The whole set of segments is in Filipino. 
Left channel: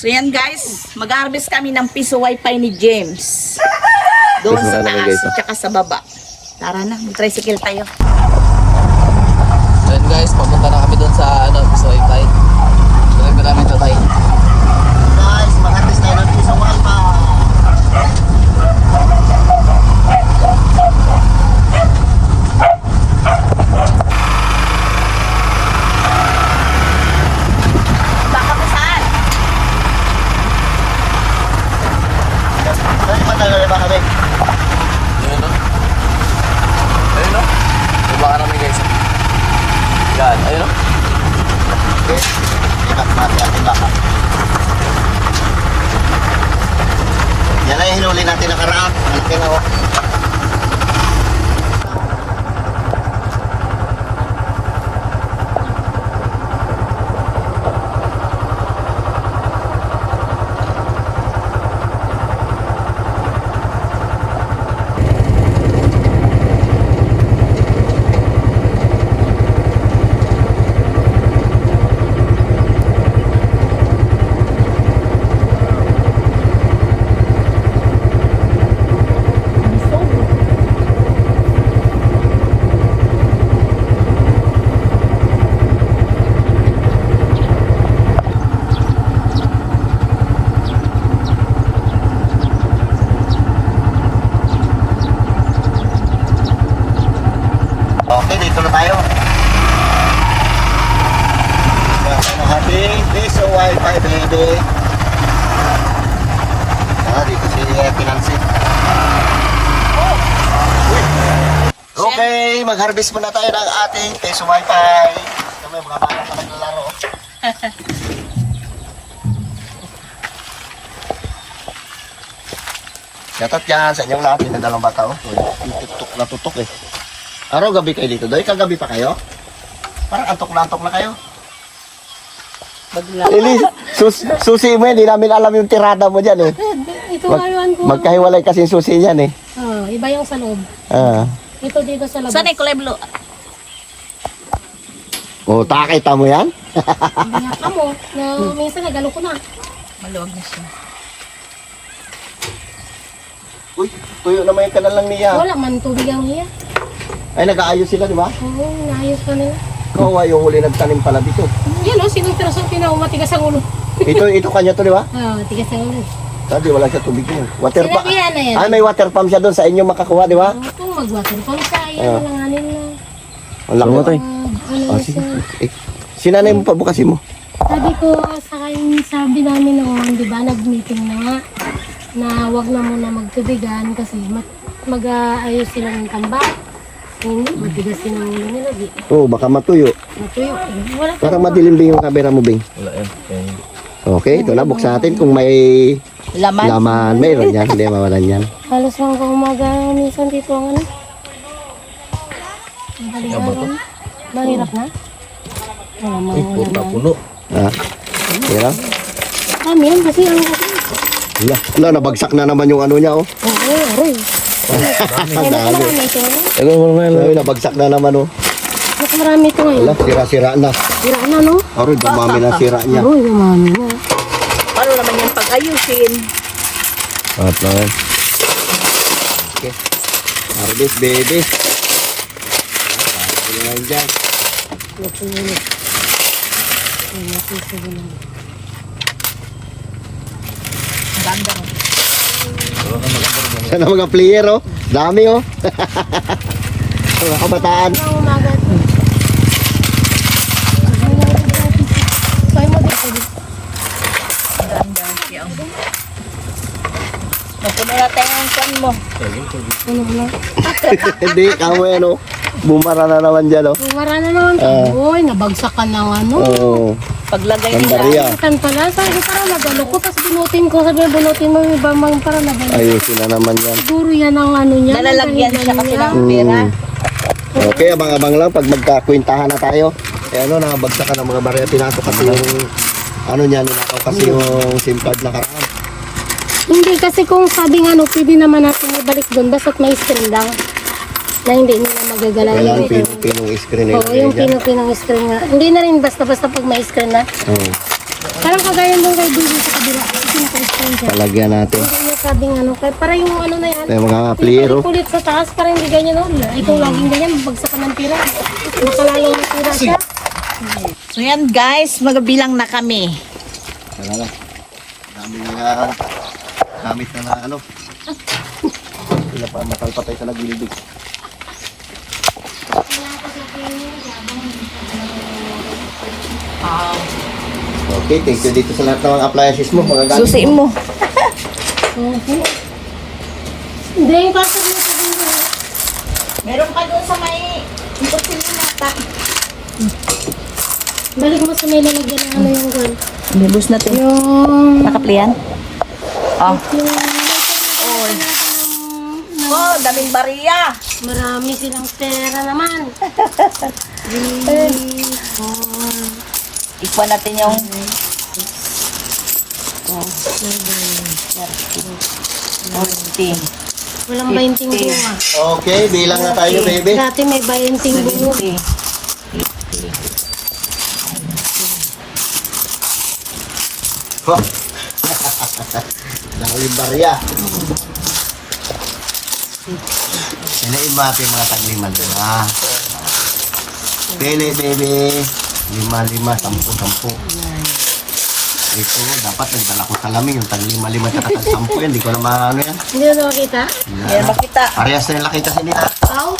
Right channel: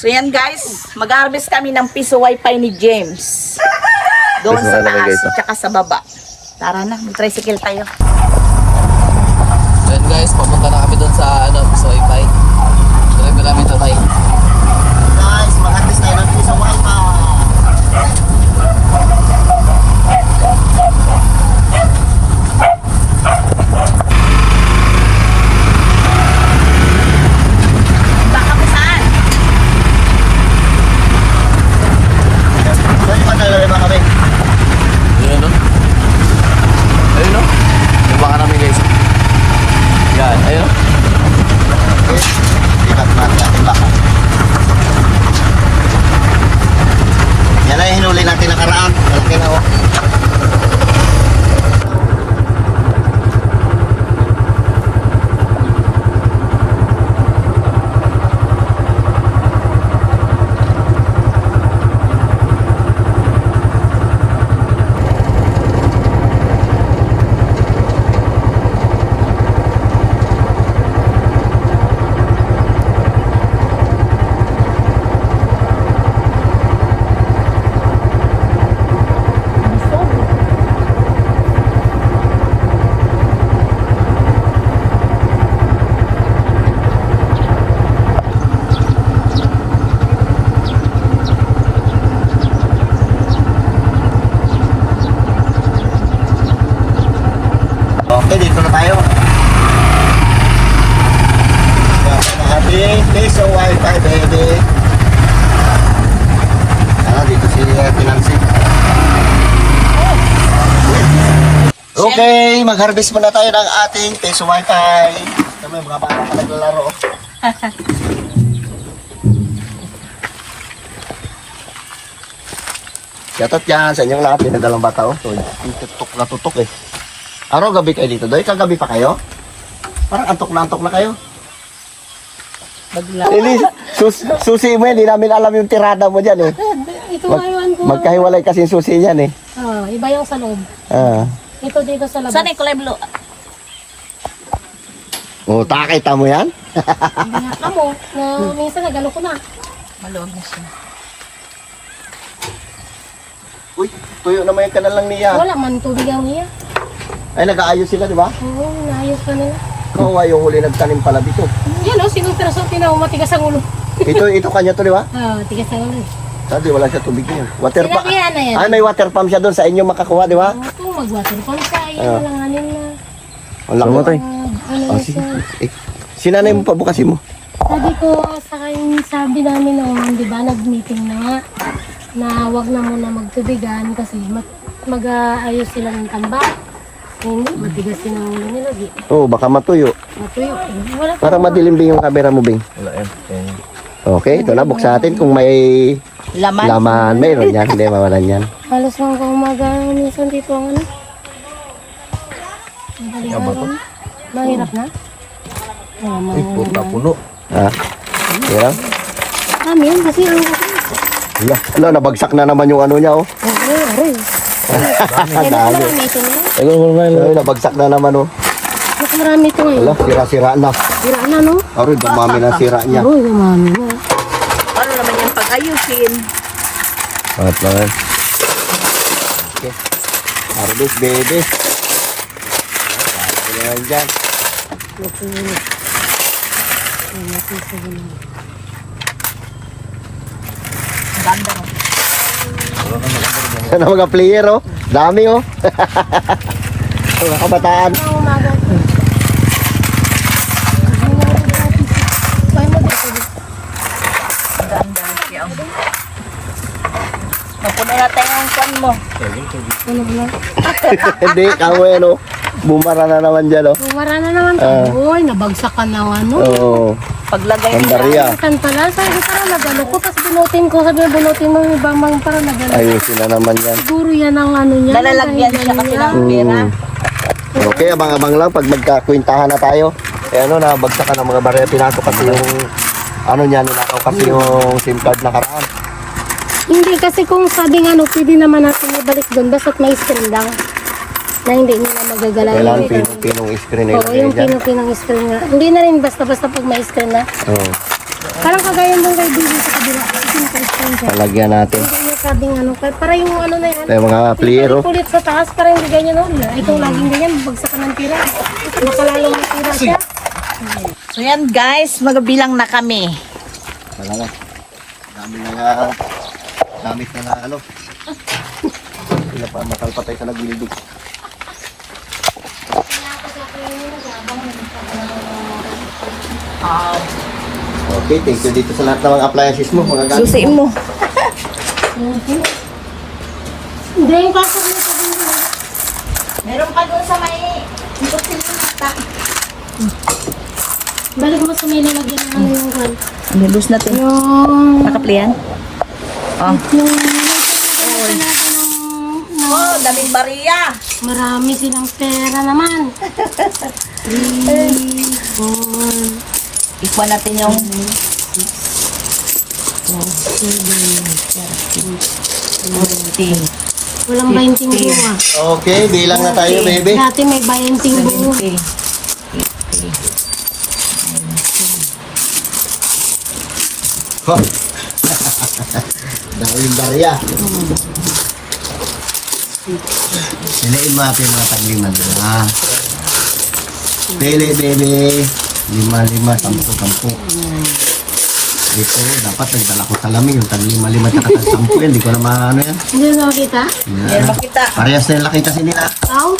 So yan guys, mag-harvest kami ng piso wifi ni James. Doon sa taas at saka sa baba. Tara na, mag-tricycle tayo. Ayan guys, papunta na kami doon sa piso wifi. Driver namin ito tayo. Guys, mag-harvest tayo ng piso wifi. Ayun o. Yan lang yung hinuli natin nakaraan. Laki na ako. Okay, dito na tayo. Piso wifi, baby. Dito si Pinansi. Okay, mag-harvest muna tayo ng ating piso wifi. Kami mga bata pa naglalaro. Yatot yan sa inyong lahat. Yung dalang bata. Tutok na tutok eh. Araw gabi kayo dito? Dahil kagabi pa kayo? Parang antok na kayo. Lili, susi mo yan. Hindi namin alam yung tirada mo dyan eh. Ito ngayon ko. Magkahiwalay kasi yung susi yan eh. Iba yung sa loob. Ito dito sa labas. Saan ay kulay blue? Oh, takita mo yan? Hindi nga kamo. Na minsan nagalo ko na. Maluwag na siya. Uy, tuyo naman yung kanal lang niya. Wala man tubig ang iya. Ay, nag-aayos sila, di ba? Oo, naayos ka nila. Oo, yung huli nagtanim pala dito. Yan o, sinong piraso tinaw matigas ang ulo. Ito kanya to, di ba? Tigas ang ulo. Sabi, wala siya tubig niya. Water pump. Sinabihan na yan. Ay, may water pump siya doon sa inyo makakuha, di ba? Oo, mag-water pump sa ayan. Walanganin na. Wala ko. Ano Sige. siya. Sinanay mo pa bukasin mo. Sabi ko sa kanya, sabi namin noon, di ba, nag-meeting na nga, na wag na muna magtubigan kasi mag-aayos sila ng tambak. Hindi, matigas din ang ulo nila. Oo, baka matuyo. Matuyo. Wala Para madilim din yung camera mo, Bing. Wala yan. Okay, ito na, buksan natin kung may laman. Mayroon yan, hindi mawalan yan. Halos lang umaga, minsan dito ang ano. Ang mahirap na. Wala mo. Ay, puta puno. Ha? Pero? Amin, kasi Wala, nabagsak na naman yung ano niya, oh. oo, aray. Kaya na marami ito na. Ay, nabagsak na naman, oh. Mas marami ito ngayon. Wala, sira-sira na. Sira na, no? Aroy, dumami na sira niya. Aroy, dumami na. Ano naman yung pag-ayusin? At lang. Okay. Harvest, baby. Ano naman dyan? Ganda mo. Sana mga player, oh. Dami, oh. Mga kabataan. Ang umaga. Saan mo dito? Ganda siya. Napuno na tayo ang kwan mo. Ano ba? Hindi, kamu yan, oh. Bumara na naman dyan, oh. Bumara na naman. Uy, nabagsak ka na ano. Oo. Paglagay Pandarya. Kan pala, sabi ko parang nagano ko, tapos binutin ko, sabi binutin mo yung ibang mga parang nagano. Ayusin na naman yan. Siguro yan ang ano niya. Nalalagyan siya kasi ng pera. Okay, abang-abang lang pag magkakwintahan na tayo. Eh ano, nabagsakan ng mga barya. Pinasok kasi yung ano niya, ninakaw kasi yung SIM card na karaan. Hindi kasi kung sabi nga no, pwede naman natin ibalik doon, basta't may screen lang. Na hindi nila magagalaw. Kailangan pinong screen na Oo, yung pinong screen nga. Hindi na rin basta-basta pag may screen na. Oo. Parang kagaya nung kay Bibi sa kabila. Sinipin siya. Palagyan natin. Hindi niya sabing ano. Kaya para yung ano na yan. May mga plier, oh. Kulit sa taas, parang hindi ganyan noon. Ikaw laging ganyan, bagsak ka ng tira. Makalalong ng tira siya. So yan guys, magbilang na kami. Wala na. Dami na nga gamit na ano. Sila pa matalpatay sa nagilibig. Okay, thank you dito sa lahat ng mga appliances mo. Mga gamit Susiin mo. Hindi, yung kaso na sabihin mo. Meron ka doon sa may ikutin mo na. Balik mo sa may nilagyan ng ano yung gold. Nilus natin. Yung... Nakaplian? Oh. Oh, daming bariya. Marami silang pera naman. 3, 4, Ikuha natin yung 14. walang 20 buwa. Okay, bilang na tayo, baby. Dati may 20 buwa. 70. Oh. Daming barya. Sinain natin mga tagliman. Pili, baby. 5, 10, 10. Ito, dapat nagdala ko salamin. Yung tag 5, 5, tsaka tag 10. Hindi ko na maano yan. Hindi na nakita? Yan makita. Parehas na yung laki kasi nila. Aw.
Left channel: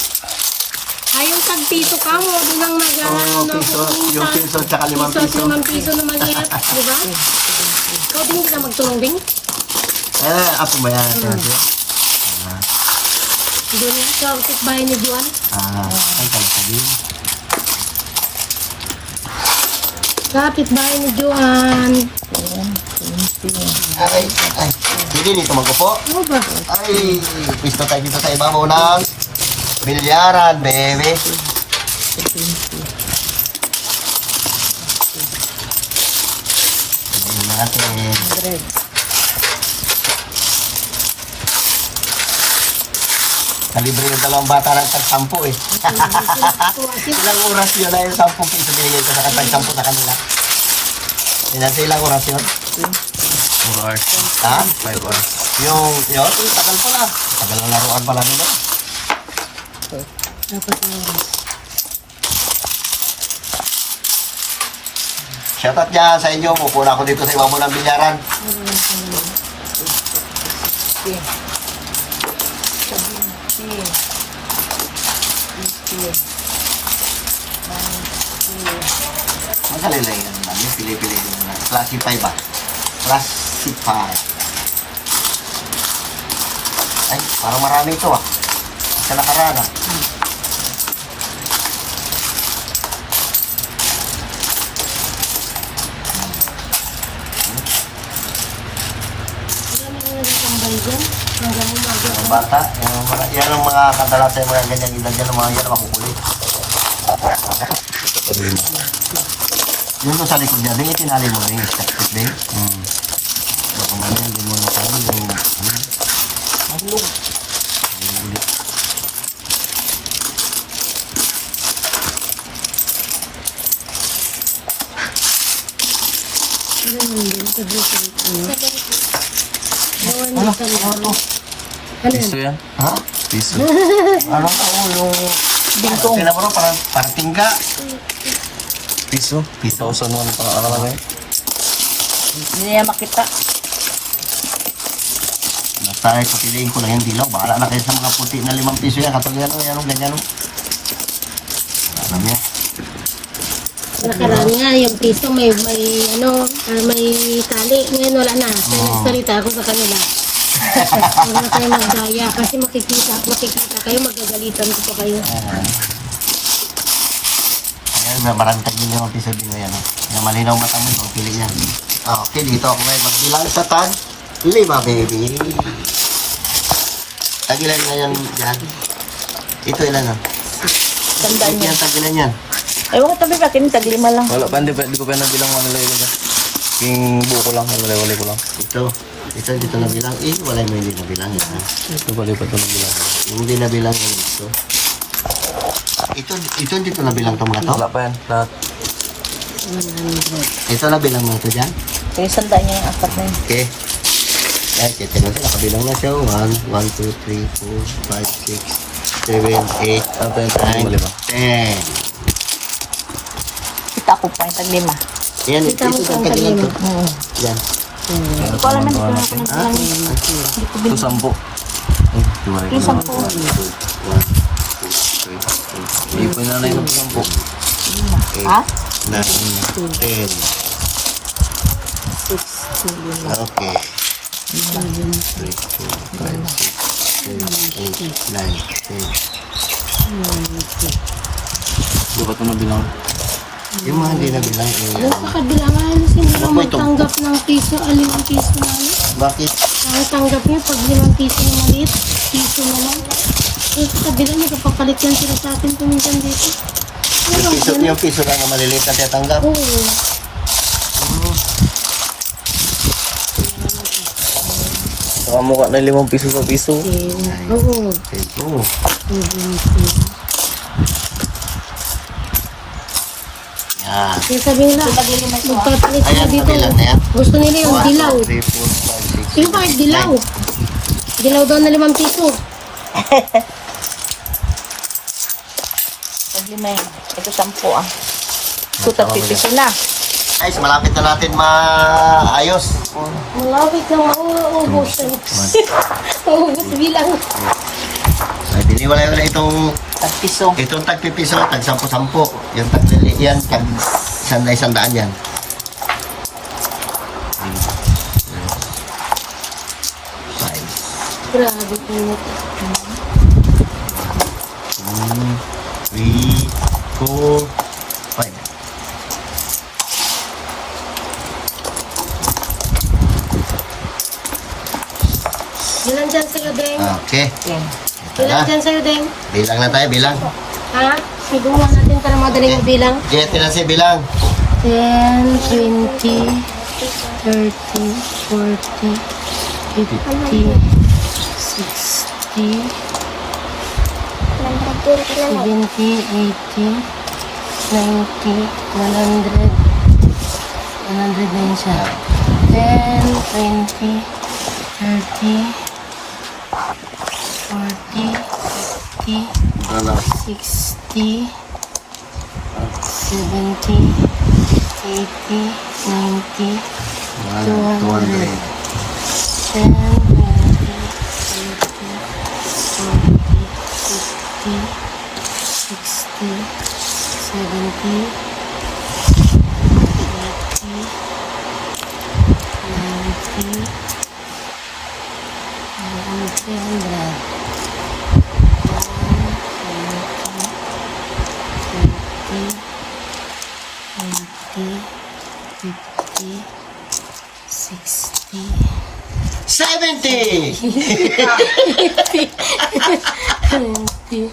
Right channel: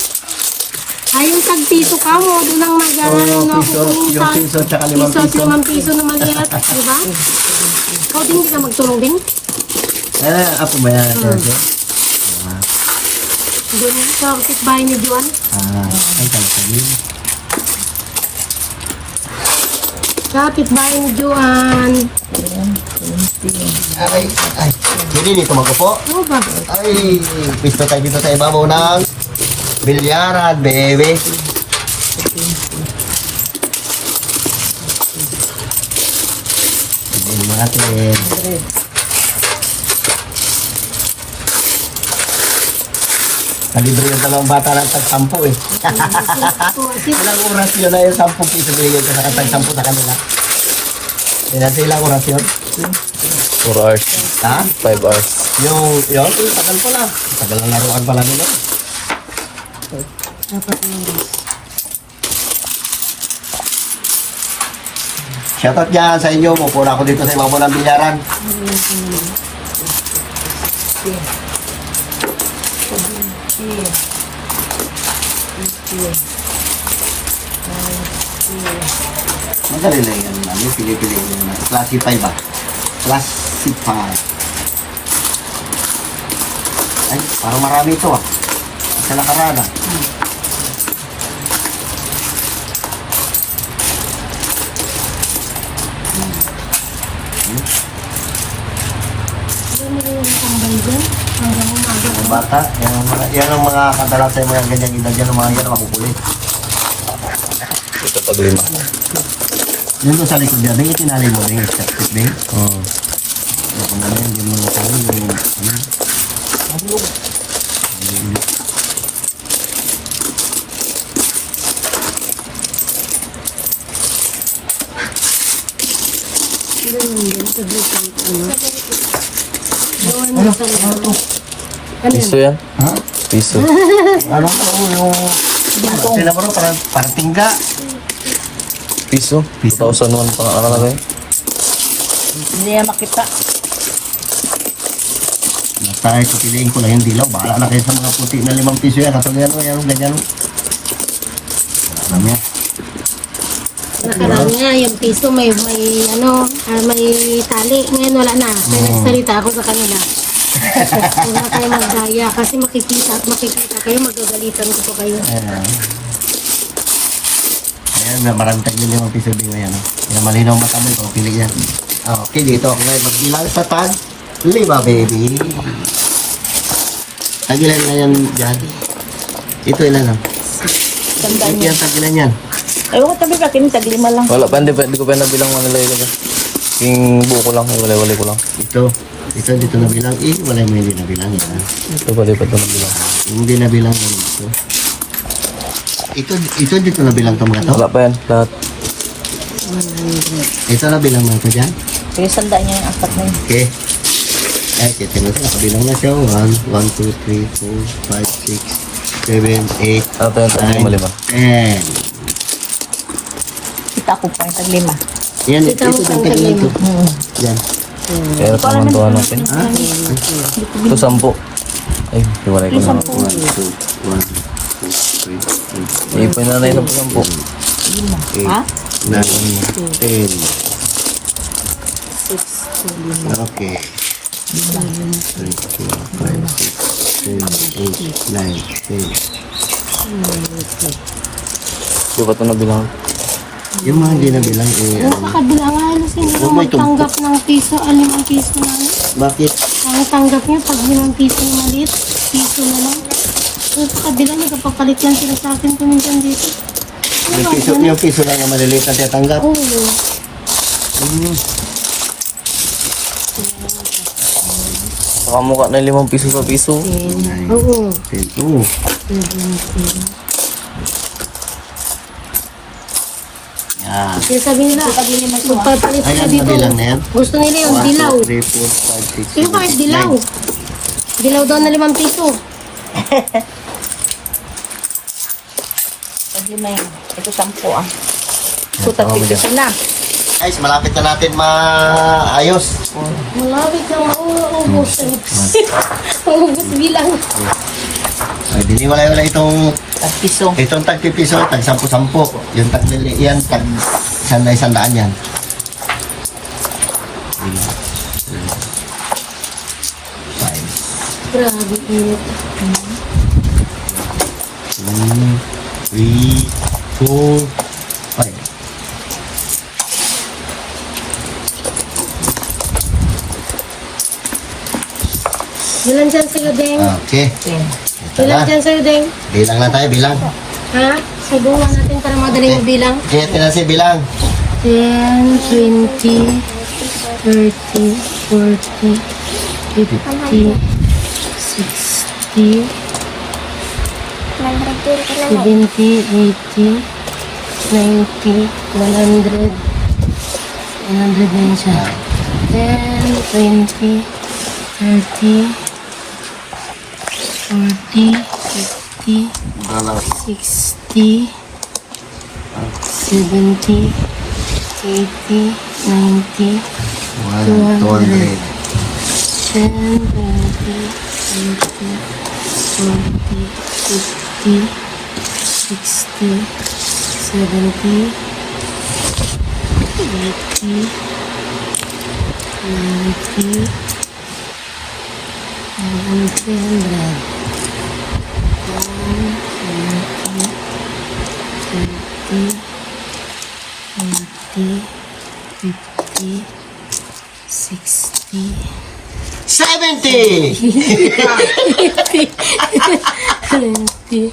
Ay, yung tag-piso ka mo. Doon ang Oo, piso. Yung piso tsaka 5 piso. 5 piso na maliit. Diba? Ikaw din ka magtulong din? Ako ba yan? Doon sa bahay ni Juan. Ay, sabihin. Kapit bahay ni Juan. Hindi dito magpupo. Ano ba? Ay, pisto tayo dito sa ibabaw ng bilyaran, baby. Tignan natin. Nalibre yung dalawang bata ng tag-10 eh. Ilang oras yun na yung 10 piso binigay ko sa tag-10 sa kanila. Ilan sa ilang oras yun? 4 hours. Ha? 5 hours. Yung takal ko lang. Tagal ng laruan pala nila. Shoutout dyan sa inyo. Mupuna ako dito sa ibabaw ng bilyaran. Magaling lang yan. Yung pili-pili yung classify ba? Classify. Ay, parang marami ito ah. Sa nakaraan ah. Mga bata, yan ang mga kadalasan yung mga ganyan edad yan, ang mga yan ang makukulit. Ito pag 5. Yung doon sa likod niya, yung itinali mo na yung step din. Ako na lang, hindi mo na tayo yung ano. Piso yan? Ha? Piso. Ano ko yung... Sila mo rin, parang tingga. Piso? 2,001 pa ang nakalagay. Hindi yan makita. Tayo ko piliin ko na yung dilaw. Bahala na kayo sa mga puti na 5 piso yan. Katulad yan, yan, ganyan. Alam yan. Alam niya, yung piso may ano, may tali. Ngayon wala na. Salita ako sa kanila. Wala kayo magdaya kasi makikita kayo, magagalitan ko pa kayo. Ayan, marantag yun yung piso din ngayon. Yung malinaw mata mo, ito, pili yan. Okay, dito ako ngayon. Magbilang sa tag 5, baby. Tagilan na yan dyan. Ito ilan lang. Ito yung tagilan yan. Ewan ko tabi pa, kinitag 5 lang. Wala pa, hindi ko pa nabilang mga nilay. Yung buko lang, yung walay-walay ko lang. Ito dito na bilang. Wala yung hindi na bilang yan. Ito pa ito nabilang. Hindi na bilang yan dito. Ito dito na bilang ito mga to. Wala pa yan, lahat. Ito na bilang mo ito dyan. Sige, sandaan niya yung apat na yun. Okay. Ay, kaya tingnan siya. Bilang mo siya. 1, 2, 3, 4, 5, 6, 7, 8, Ata yung tayo mo 9, 10. Kita ko pa yung taglima. Yan, ito tantag lang to. Yan. Kaya pamantuhan natin. Ha? Ito 10. Ay, hiwalay ko na. 1, 2, 1, 2, 3, 4, Ipon na na isang 10. 8, 9, 10. Okay. 3, 4, 5, 6, 7, 8, 9, 10. Di ba ito nabilang? Yung mga hindi na bilang, Napakabilangan na sila Oh, may tumpok. tanggap ng piso, 5 piso na lang. bakit? Ang tanggap niyo, pag 5 piso na maliit, piso na lang. Yung kabilang, nagpapalit lang sila sa akin kuminsan dito. Yung piso lang na maliliit na tatanggap. Oo. Makamukha na 5 piso sa piso. 9, Oo. 10. Oo. Yan. Kaya sabi nila, magpapalit sila Ayan, dito. kabilang na yan. Gusto nila yung 1, dilaw. 2, 3, 4, 5, 6, Sino bakit 7, dilaw? 8, Dilaw daw na 5 piso. Taglima yun. Ito 10 ah. Ito 50 na. Guys, malapit na natin maayos. Malapit na maubos. Maubos bilang. Ay, diniwalay-walay itong Piso. tag-pipiso, tag-10-10. Yung tag-lili yan, tag-100 yan. Grabe init. 2, 3, 4, 5. Bilang dyan sila, Deng. Okay. Ito Bilang na. dyan sa'yo, Deng. Bilang na tayo, bilang. Ha? Subuhan natin para madaling yung bilang. Kaya tinasi bilang. 10, 20, 30, 40, 50, 60, 70, 80, 90, 100. 100 din siya. 10, 20, 30, 40, 50, 60, 70, 80, 90, 200. 10, 20, 30, 40, 50, 60, 70, 80, 90, 70!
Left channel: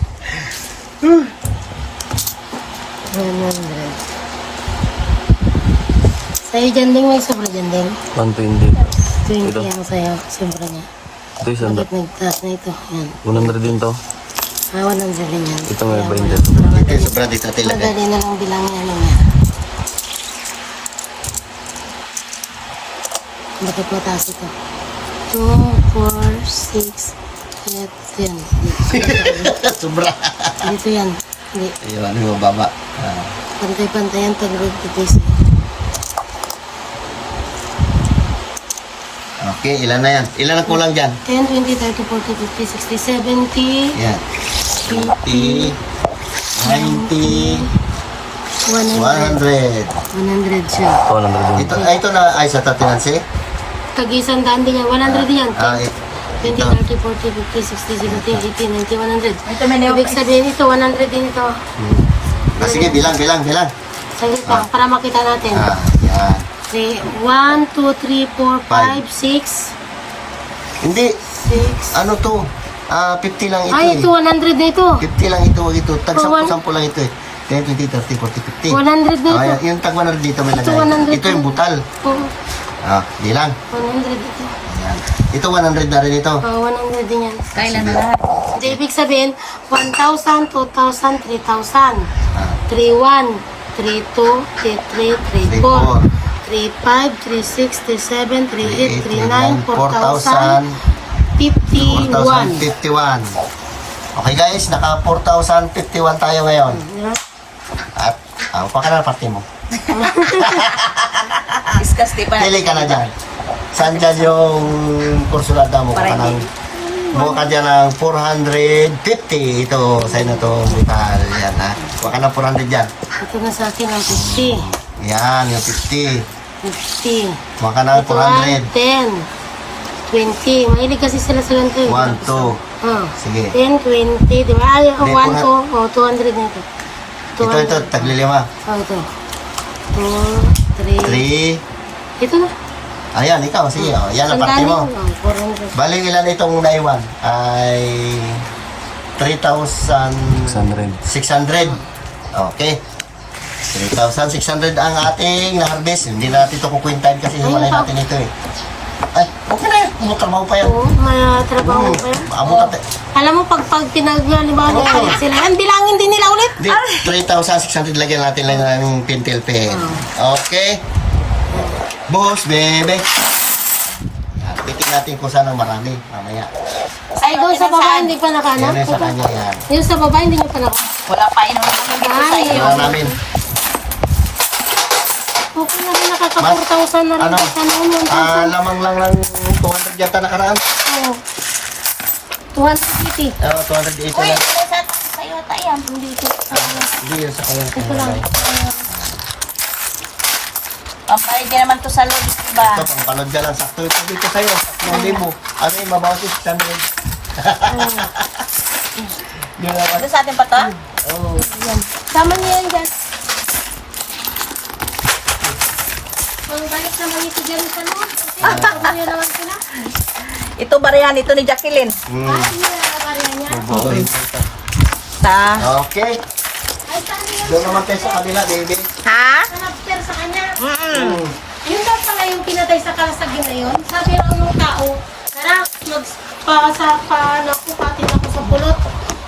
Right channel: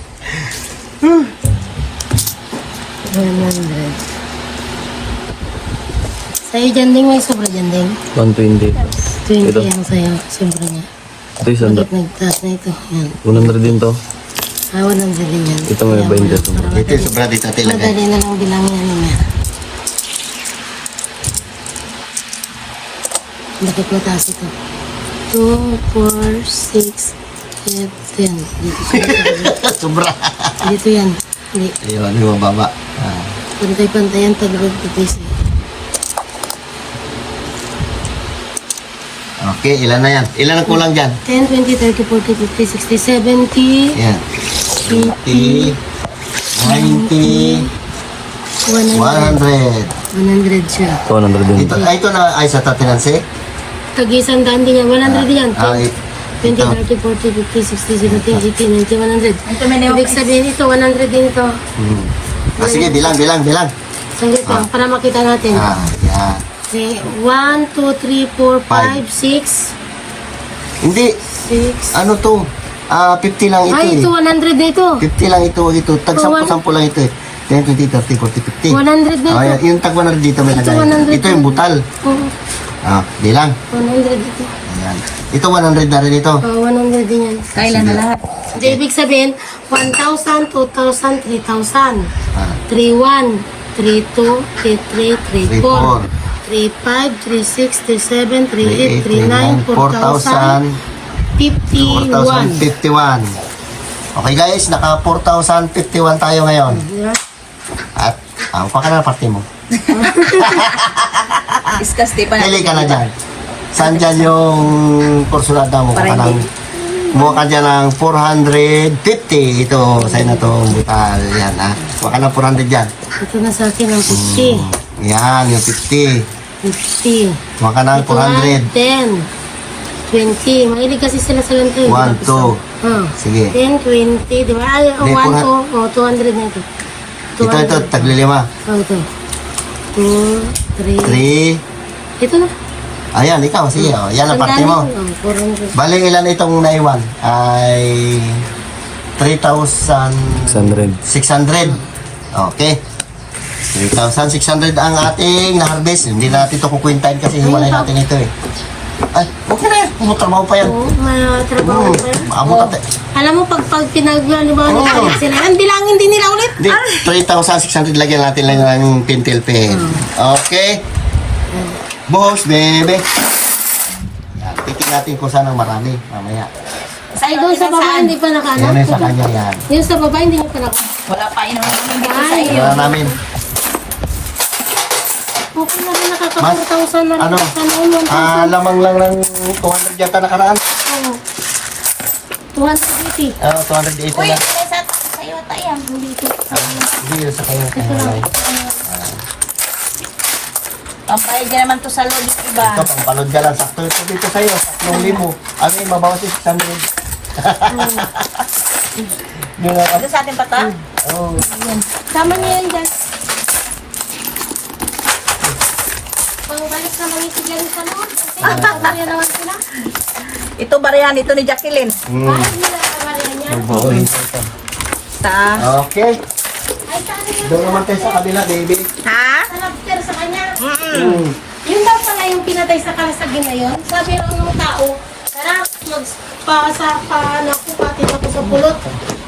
Sa'yo dyan din, may sobra dyan din. 120. 20 Ito. ang sa'yo, sobra niya. Ito isang Bakit nagtaas na ito? Yan. 100 din to. Walang din yan. Ito may 20 to. Dito, sobra dito talaga. Madali na lang bilangin ano niya. Bakit mataas ito? 2, 4, 6, 7, yan. Sobra. Dito yan. Hindi. Ayun, yung mababa. Pantay-pantayan, tag-red kasi. Okay, ilan na yan? Ilan ang kulang dyan? 10, 20, 30, 40, 50, 60, 70, Yan. 80, 90, 100. 100. 100 siya. 100 din. Ito na ay sa tatinansi? Tag-isang daan din yan. 100 yan. Ah, 20, ito. 30, 40, 50, 60, 70, 80, 90, 100. Ito may Ibig sabihin ito, 100 din ito. Sige, bilang. Saglit lang, para makita natin. Yan. Okay, 1, 2, 3, 4, 5, 6, Hindi, 6. ano to? 50 lang ito Ay, ito, 100 na ito. 50 lang ito. Tag 10 lang ito eh. 10, 20, 30, 40, 50. 100 na ito. Yung tag 100 dito may Ito, lagay. 100. Ito yung butal. Oh, Bilang. 100 ito. Ayan. Ito 100 na rin ito. Oh, 100 din yan. Kailan na lahat? Hindi, ibig sabihin, 1,000, 2,000, 3,000. Ah, 3,1, 32, 33, 34, 35, 36, 37, 38, 39, 4,000, 51. 4,051. Okay guys, naka 4,051 tayo ngayon. At ang pa ka na parte mo. Discuss, di ba? Pili ka na dyan. Saan dyan yung porsulada mo? Para hindi. Mukha ka dyan ng 450. Ito, sa'yo na itong butal. Yan ha. Mukha ka ng 400 dyan. Ito na sa akin ang 50. Yan, yung 50. 50. Mukha ka ng Ito ay 400. 10. 20. Mahilig kasi sila sa lantay. 1, 2. Sige. 10, 20. Di ba? Ay, Hindi, 1, 2. 200 na ito. Ito, taglilima. Ito. 2, 3. 3. Ito na. Ayan, ikaw. Sige, oh. Yan ang parte mo. 400. Bali, ilan itong naiwan? Ay 3,600. 600. Okay. 3,600 ang ating na-harvest. Hindi natin ito kukwintahin kasi hiwalay natin ito eh. Ay, okay na yan. Umutrabaho pa yan. Oo, may trabaho pa. Maabot natin. Alam mo, pag pinaglalibaw na Oo. ulit sila, ang bilangin din nila ulit. Hindi, 3,600 lagyan natin lang ng pentel pen. Okay. Boss, baby. Titignan natin kung saan ang marami. Mamaya. Ay, doon sa baba, hindi pa Yan nakaano. na sa kanya yan. Yung sa baba, hindi nyo pa nakaano. Wala pa inuman dito sa Ay, iyo. Wala namin. Okay na nakaka-4,000 na Ano? sa noon. Lamang lang ng 200 yata nakaraan. 280. 280 Uy, na. sa iyo tayo. Dito. Hindi yun sa kanya. Pampay ka naman to sa loob, diba? Ito, pampalod ka lang. Sakto ito dito sa'yo. 3,000. Ano yung mabawas yung 600? Ano sa atin pa to? Oh. Sama niya yan dyan. Pangbalik naman ito dyan sa noon. Kasi naman sila. Ito barihan, ito ni Jacqueline. Bubuhay. Okay. Ay, sabi niya, Doon naman tayo sa kabila, baby. Ha? nag-share sa kanya. Mm. Yun daw pala yung pinatay sa kalasagyan na yun. Sabi ng tao, tara, nakupati ako sa pulot.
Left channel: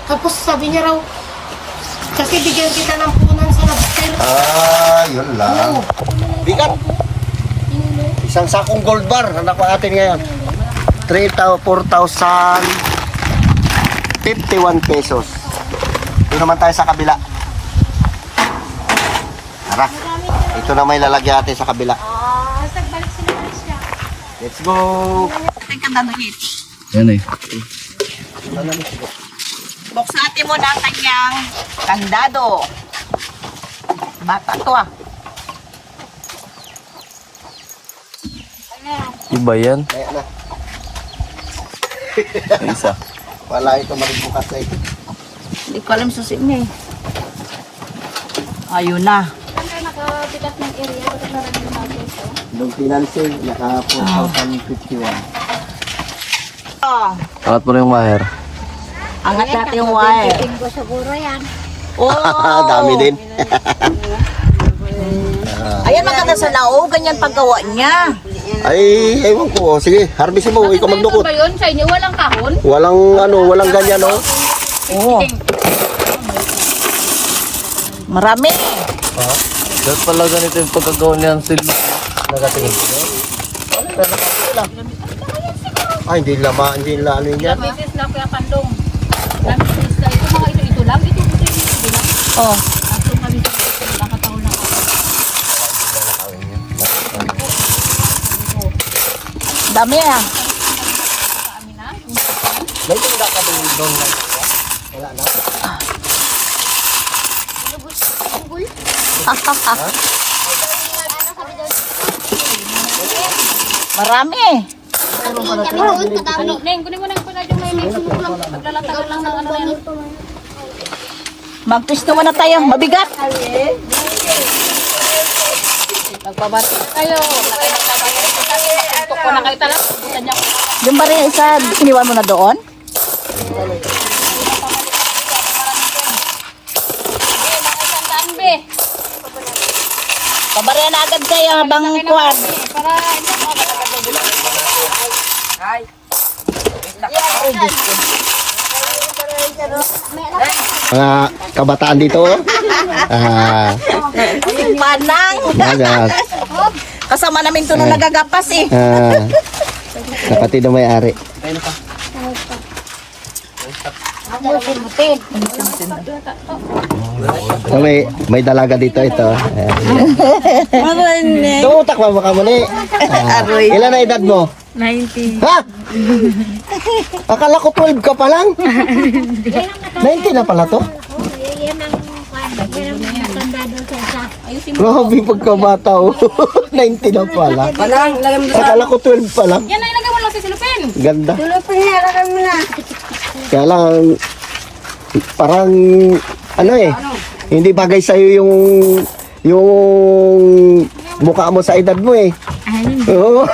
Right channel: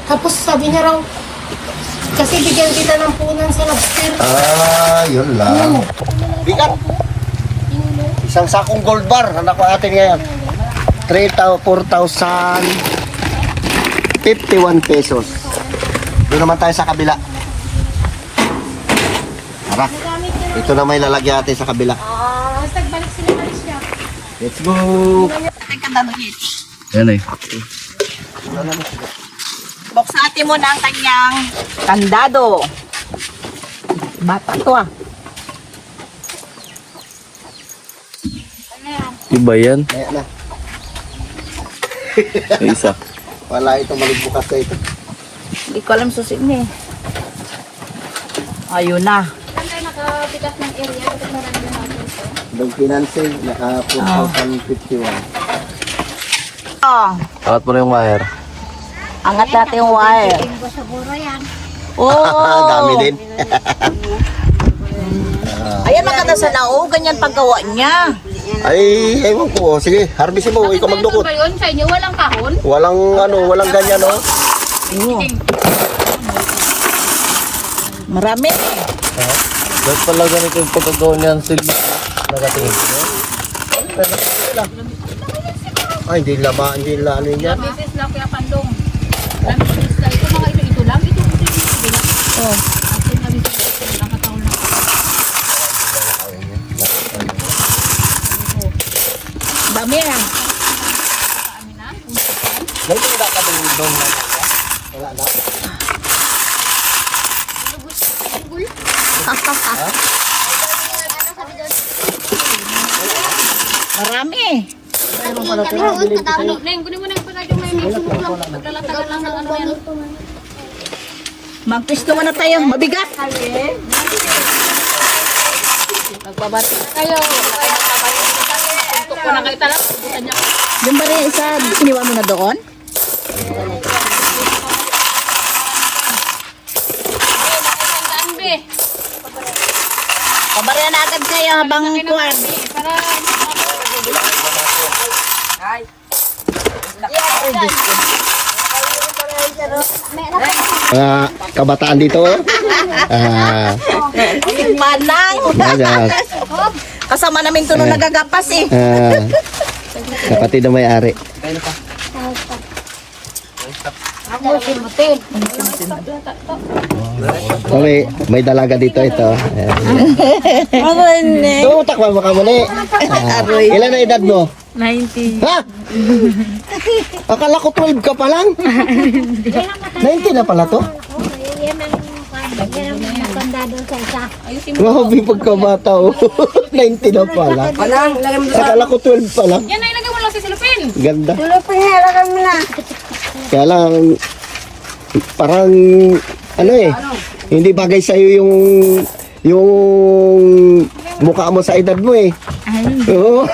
Tapos sabi niya raw, kasi bigyan kita ng punan sa lobster. Yun lang. Bigat. Isang sakong gold bar. Anak ko atin ngayon. 4,051 pesos. Doon naman tayo sa kabila. Tara. Ito na may lalagyan natin sa kabila. Let's go. Ito yung kandadungit. Yan eh. Buksatin mo na ang kanyang kandado. Bata to ah. Iba yan. Ayan na. May isa. Wala ito maligbukas na ito. Hindi ko alam susi mo eh. Ayun na. Nung financing, naka 4,051. Oh, Angat mo na yung wire. angat natin yung wire. Oh, Dami din. Ayan, maganda sana. Oh, ganyan paggawa niya. Ay, ewan ko. Sige, harvest mo. Ikaw magdukot. Ba yun? Sa inyo walang kahon? Walang ganyan, no? Oo. Marami. Ba't pala ganito yung pagkagawa niyan sila? Nagatingin. Ay, hindi ano yun yan. Mrs. na kuya Pandong. Ito mga ito lang. Ito lang. Oh. Ito mga ito nakataon na. Dami ah. May tinda ka doon. Wala na. Marami. Neng, kunin mo na yung pala yung may maglalatagal lang ng ano yan. Mag-twist naman na tayo. Mabigat. Magbabati kayo. Ito ko na kayo talaga. Bukan niya. Yung ba rin isa, iniwan mo na doon? Pabarehan na agad kayo habang kuwan. Kabataan dito. Manang. Nagas. Kasama namin ito nung nagagapas eh. Kapatid na may-ari. Oh, may dalaga dito ito. Tutak pa baka muli. Ilan na edad mo? 90. Ha? Akala ko 12 ka pa lang. 90 na pala to. Grabe pagkabata oh. 90 na pala. Akala ko 12 pa lang. Yan ay lagay mo lang sa silupin. Ganda. Silupin, lagay mo na. Kaya lang, parang, ano eh, hindi bagay sa'yo yung mukha mo sa edad mo eh. Oo.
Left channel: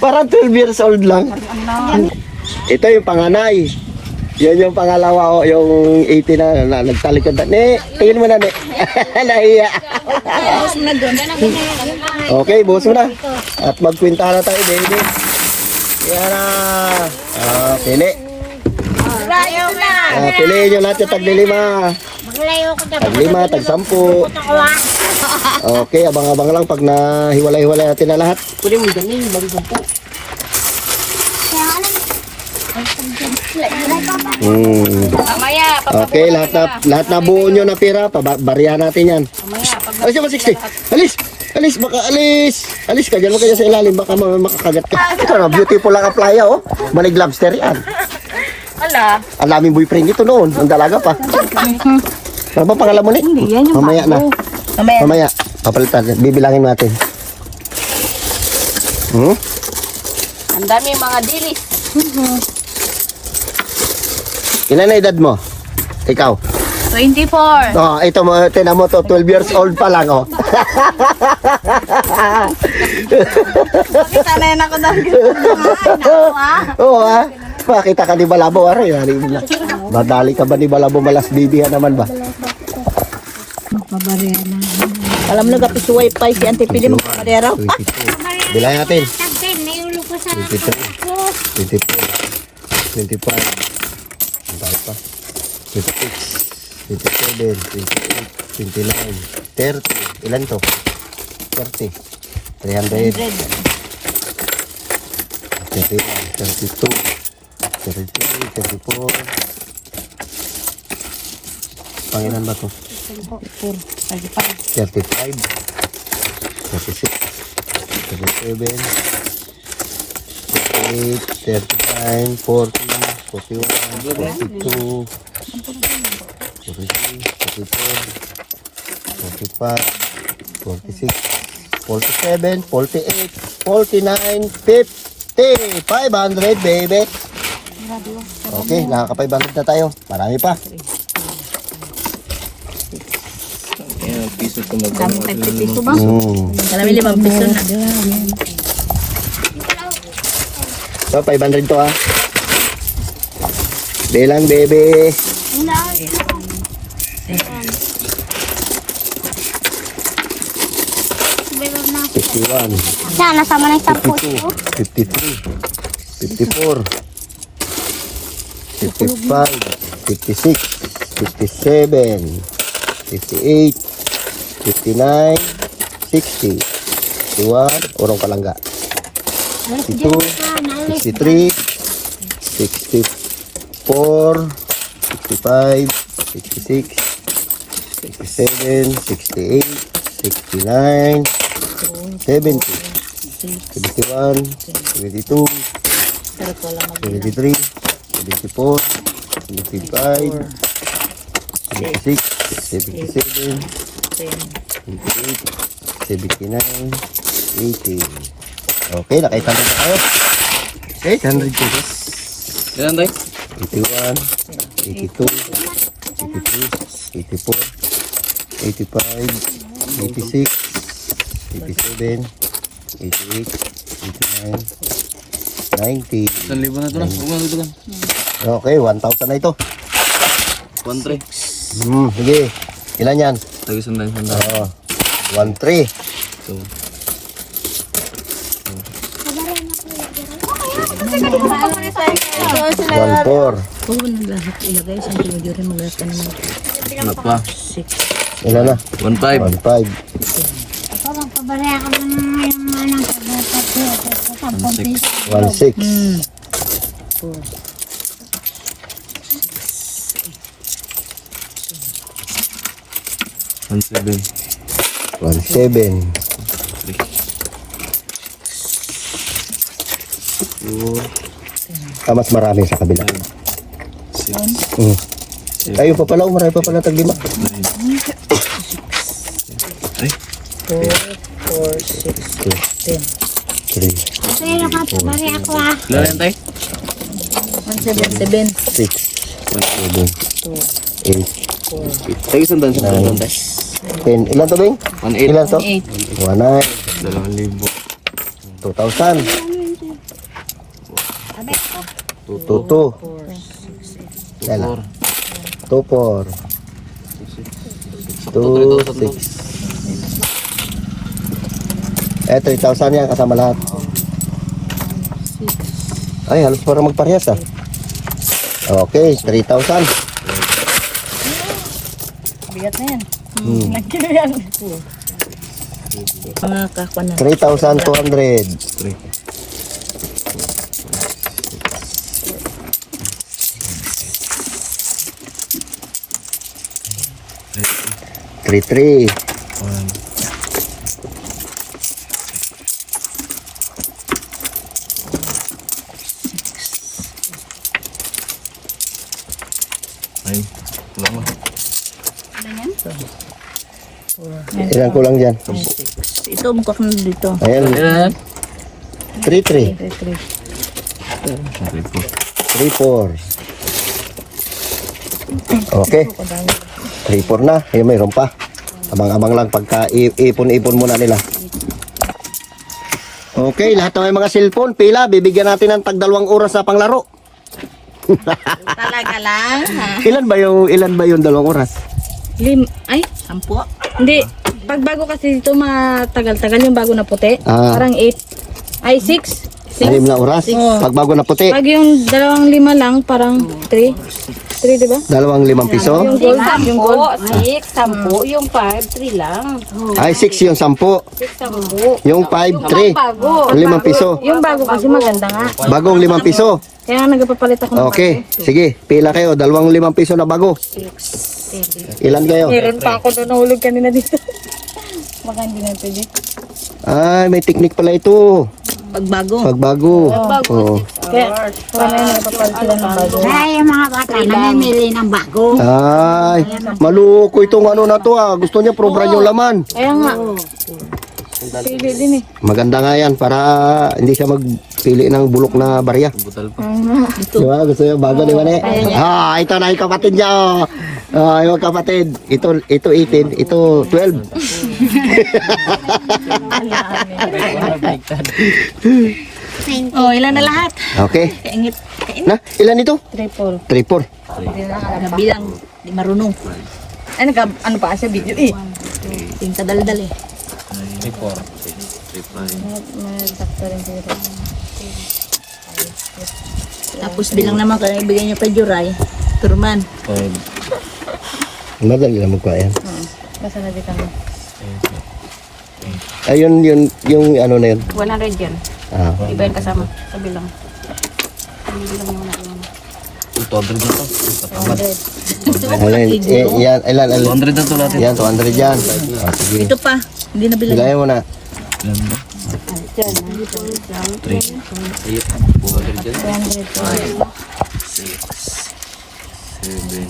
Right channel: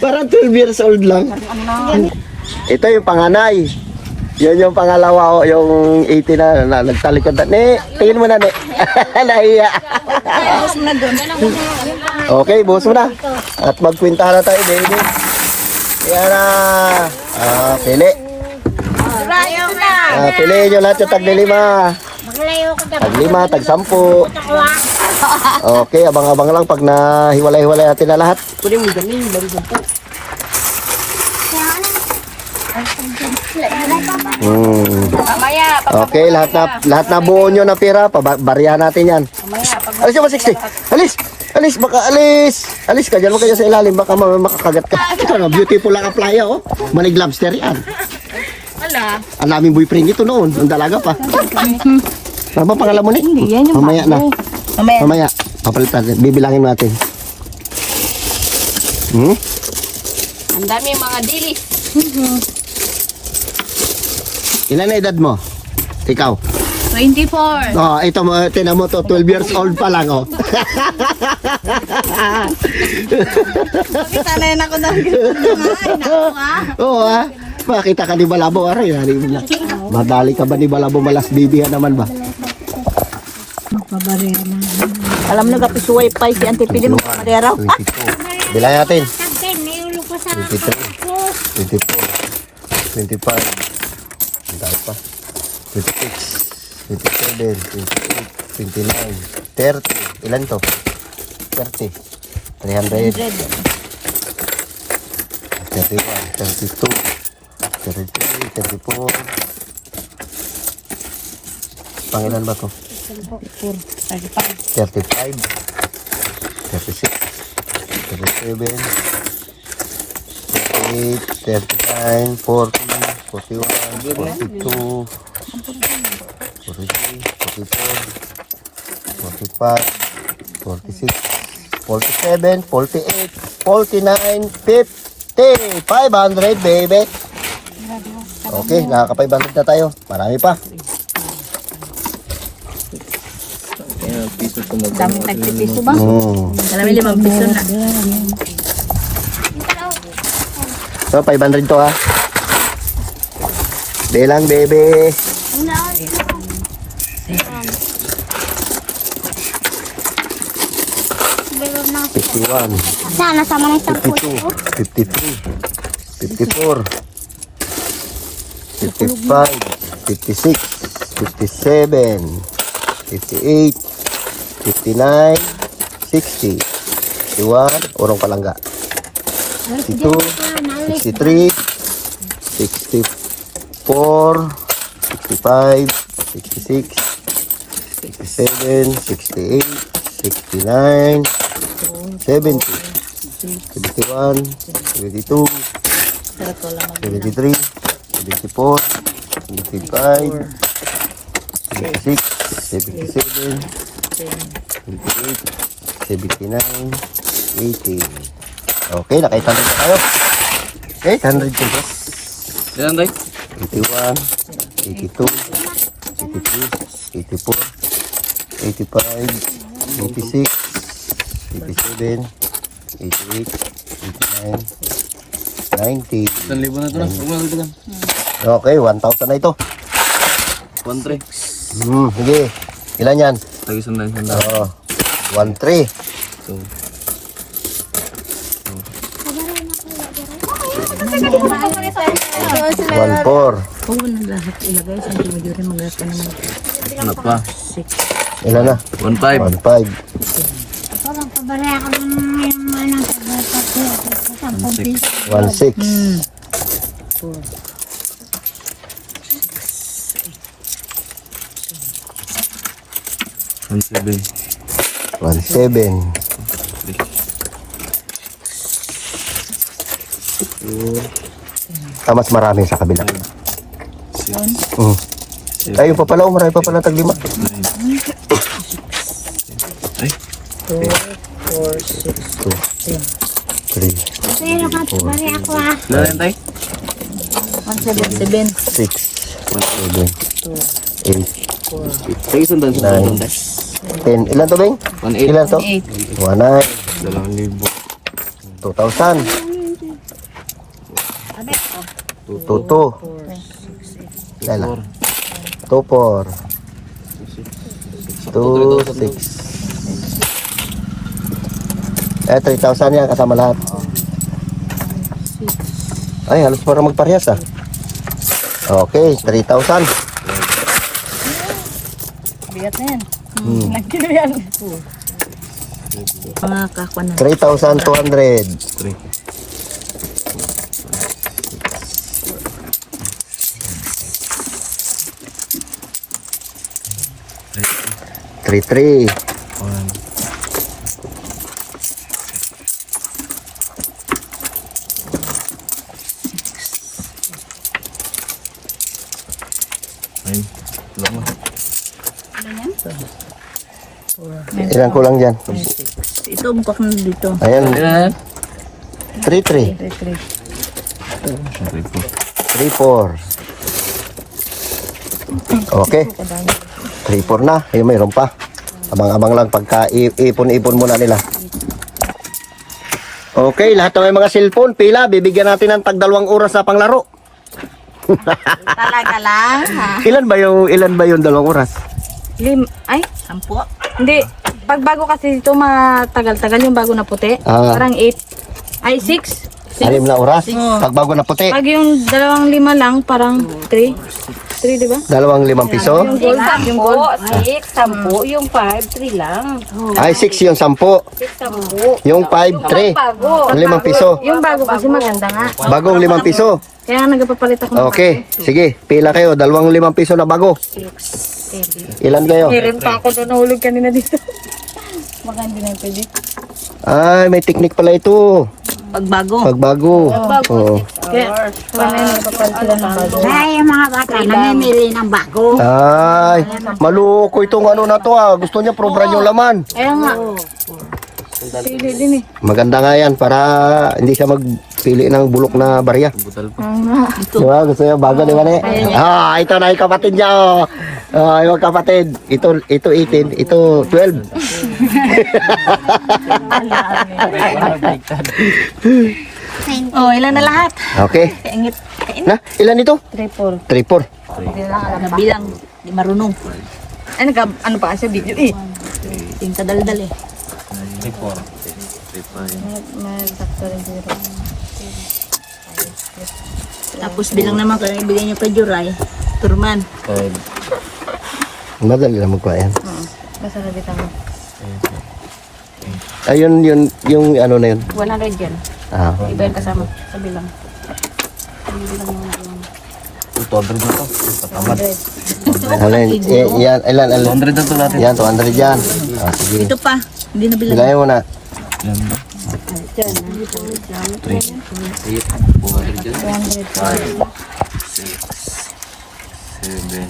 Parang 12 years old lang. Ito yung panganay. Yan yung pangalawa, yung 18 na nagtalikod na. Ne, tingin mo na, ne. Nahiya. Okay, buhos mo na. At magkwintahan na tayo, baby. Yan na. Pili. Piliin nyo lahat yung tag-5. Tag-5, tag-10. Okay, abang-abang lang pag nahiwalay-hiwalay natin na lahat. Kunin mo dami, baru 10. Mamaya, Okay, lahat na buo nyo na pera, bariya natin yan. Alis yung 60. Alis, baka alis. Alis ka, dyan mo kayo sa ilalim, baka makakagat ka. Ito na, beautiful lang ang playa, oh. Manig lobster yan. Ala. Ang daming boyfriend ito noon, ang dalaga pa. Ano ba pangalan mo, Nick? Hindi, yan yung Mamaya na. Mamaya. Mamaya, papalitan, bibilangin natin. Ang dami mga dilis. Ilan na edad mo? Ikaw? 24. Oh, ito mo, tinan mo to, 12 years old pa lang, oh. Sanay na ko daw. Oo, ha? Makita ka ni Balabo, aray, madali ka ba ni Balabo, malas bibihan naman ba? Alam mo nagapisuway pa si Auntie Pili mo kamadera. 22. Bilang natin. 23. 24. 25. Ang dami pa. 26. 27. 28. 29. 30. Ilan to? 30. 300. 31. 32. 33. 34. Pangilan ba to? 35. 36. 37. 38, 39, 40, 41, 42, 43, 44, 45, 46, 47, 48, 49, 50, 500 baby. Okay, nakaka-500 na tayo. Marami pa. Dami 50 piso ba? Dami 5 piso na. So, 500 to ha. Bilang baby. Fifty-one. Sana sama na isang 52, 53, 54, 55, 56, 57, 58, 59, 60, 61, urong kalangga. 62, 63, 64, 65, 66, 67, 68, 69, 70, 71, 72, 73, 74, 75, 76, 77, 78, 79, 80. Okay, nakaisa na tayo. Okay, 100 pesos. Ilan tayo? 81, 82, 83, 84, 85, 86, 87, 88, 89, 90. 1,000 na ito na. Huwag mo na ito lang. Okay, 1,000 na ito. 1,300. Sige. Ilan yan? Tag-isang lang. Oo. 1,300. So, 1,400. Huwag mo na lahat ilagay. Saan mo rin maglakas ka naman. ano pa? 6. Ilan na? 1.5. 1.5. Parang pabalik ako ng yung ano, pagpapit. 1.6. Hmm. 1.7. 1.7. Mas marami sa kabila. 6. Ayun pa pala, marami pa pala tag-5. 9. Ay. 3, Pero ka, pabalik ako ah. Ilan yan, tay? 177. 6, 7, 8, Tay, isang doon, tay. 10. Ilan to, Bing? 1.8. Ilan to? 8. 1,900. 2,000. 2,000. 2,2. Yan na. 2,4. 2,6. 3,000 yan kasama lahat. Ay, halos para magparehas ah. Okay, 3,000. Bigat na yan. Hmm. Mga kakwa na. 3,200. 3. 3,300. 1. Ay, wala mo. Ilan kulang dyan? Ito, mukha ko na dito. Ayan, Ayan. 3,300. 3,400. Okay. 3,400 na. Ayun, mayroon pa. Abang-abang lang pagka ipon-ipon muna nila. Okay, lahat ng mga cellphone, pila, bibigyan natin ng tag 2 oras na panglaro. Talaga lang. Ha? Ilan ba yung 2 oras? Ay, 10. Hindi. Pag bago kasi dito matagal-tagal yung bago na puti. Ah. Parang 8. Ay, 6. 6 na oras. Pag bago na puti, Pag yung 2-5 lang, parang 3. 3, di ba? 2 piso. Yung 10, 6, 10, yung 5, 3 lang. Ay, 6 yung 10. 6, 10. Yung 5, 3. Bago. 5 piso. Yung bago kasi maganda nga. Bagong 5 piso. Kaya nagpapalit ako. Okay, sige. Pila kayo. 2 5 piso na bago. Ilan kayo? Meron pa ako doon nahulog kanina dito. Baka hindi na pwede. Ay, may technique pala ito. Pagbago. Pagbago. Oo. Kaya wala yung nagpapalit sila ng bago. Ay, yung mga bata, namimili ng bago. Ay, maluko itong ano na to ah. Gusto niya probran yung laman. Kaya nga. Pili din eh. Maganda nga yan para hindi siya magpili ng bulok na barya. Butal pa. Di ba? Gusto niya bago, di ba ne? Ah, ito na yung kapatid niya oh. Ah, yung kapatid. Ito 18, ito 12. Oh, ilan na lahat? Okay. Kaingit. Na, ilan ito? 3-4. 3-4. Nabilang. Di marunong. Ay, ano pa sa video eh. Yung kadaldal eh. 3, 4, 3, 5. Tapos bilang naman kung ibigay niyo kay Juray. Turman. 5. Madali lang magkuha yan. Kasi nabita mo. Ayun, yung ano na yun. 100 yan. Ah. Iba yung kasama sa bilang. Bilang muna yun. 200 na to. Patamad. Yan, ilan, 200 na to natin. Yan, 200 yan. Ah, sige. Ito pa. Hindi na bilang. Bilayan mo na. 3, 8, 4, 5, 6, 7,